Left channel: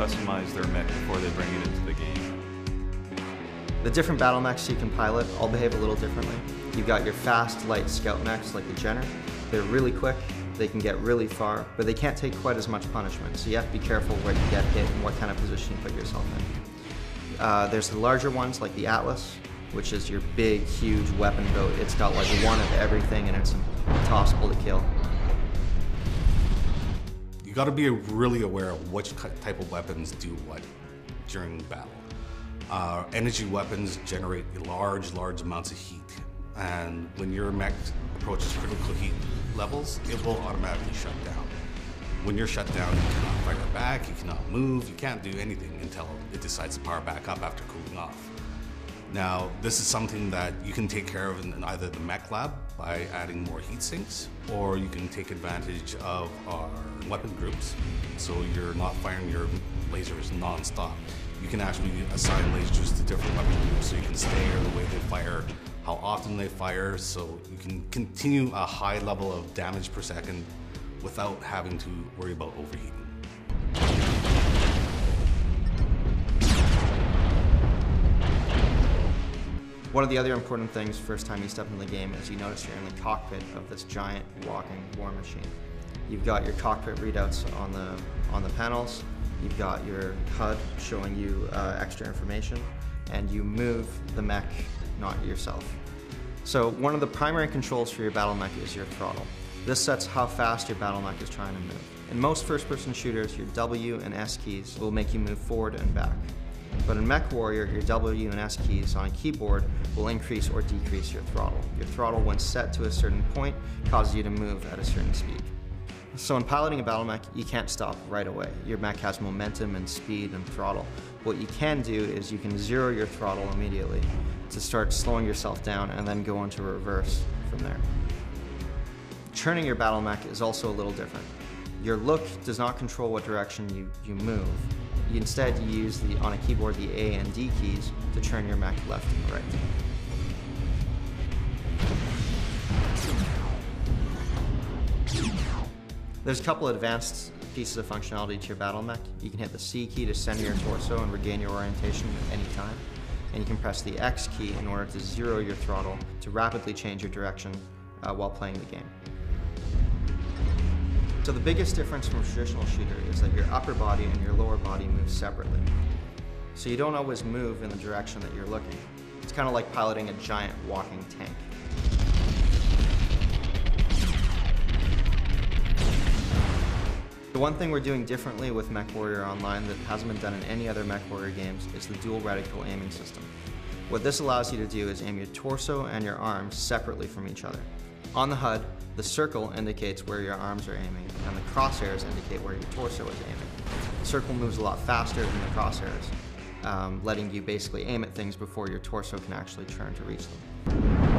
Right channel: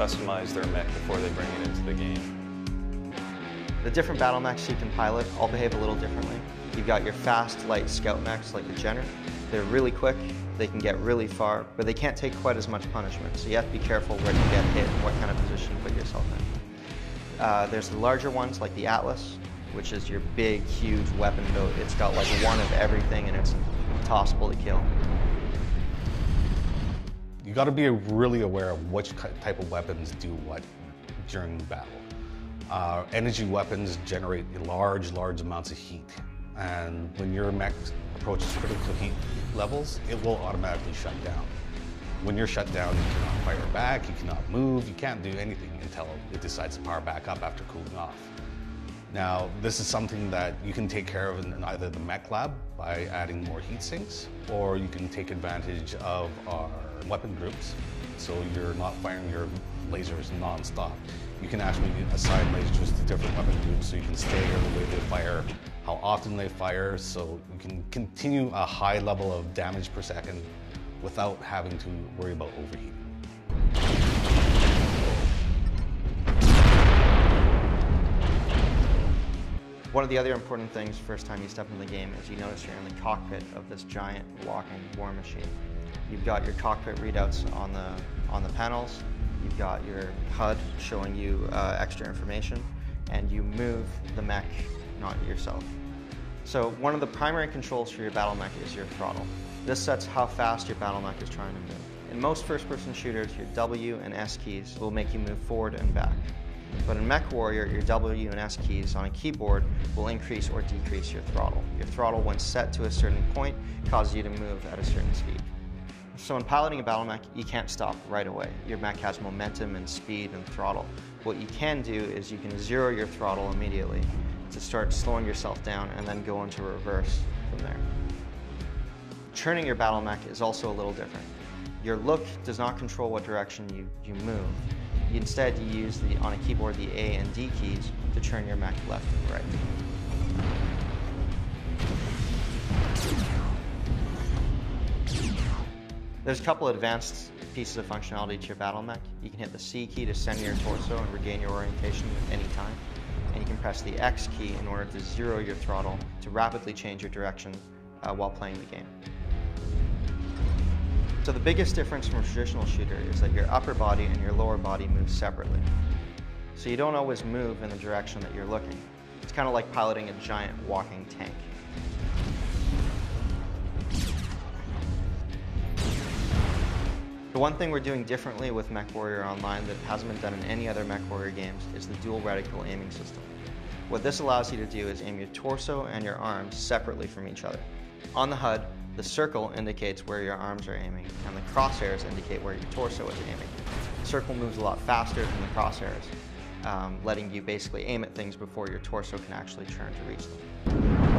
customize their mech before they bring it into the game. The different battle mechs you can pilot all behave a little differently. You've got your fast, light scout mechs like the Jenner. They're really quick, they can get really far, but they can't take quite as much punishment, so you have to be careful when you get hit and what kind of position you put yourself in. There's the larger ones like the Atlas, which is your big, huge weapon build. It's got like one of everything and it's impossible to kill. You got to be really aware of which type of weapons do what during the battle. Energy weapons generate large amounts of heat, and when your mech approaches critical heat levels, it will automatically shut down. When you're shut down, you cannot fire back, you cannot move, you can't do anything until it decides to power back up after cooling off. Now, this is something that you can take care of in either the mech lab by adding more heat sinks, or you can take advantage of our weapon groups, so you're not firing your lasers non-stop. You can actually assign lasers to different weapon groups, so you can select when they fire, how often they fire, so you can continue a high level of damage per second without having to worry about overheating. One of the other important things first time you step in the game is you notice you're in the cockpit of this giant walking war machine. You've got your cockpit readouts on the panels, you've got your HUD showing you extra information, and you move the mech, not yourself. So one of the primary controls for your battle mech is your throttle. This sets how fast your battle mech is trying to move. In most first-person shooters, your W and S keys will make you move forward and back. But in MechWarrior, your W and S keys on a keyboard will increase or decrease your throttle. Your throttle, when set to a certain point, causes you to move at a certain speed. So in piloting a battle mech, you can't stop right away. Your mech has momentum and speed and throttle. What you can do is you can zero your throttle immediately to start slowing yourself down and then go into reverse from there. Turning your battle mech is also a little different. Your look does not control what direction you move. Instead, you use on a keyboard the A and D keys to turn your mech left and right. There's a couple of advanced pieces of functionality to your battle mech. You can hit the C key to center your torso and regain your orientation at any time. And you can press the X key in order to zero your throttle to rapidly change your direction while playing the game. So the biggest difference from a traditional shooter is that your upper body and your lower body move separately. So you don't always move in the direction that you're looking. It's kind of like piloting a giant walking tank. The one thing we're doing differently with MechWarrior Online that hasn't been done in any other MechWarrior games is the dual reticle aiming system. What this allows you to do is aim your torso and your arms separately from each other. On the HUD, the circle indicates where your arms are aiming, and the crosshairs indicate where your torso is aiming. The circle moves a lot faster than the crosshairs, letting you basically aim at things before your torso can actually turn to reach them.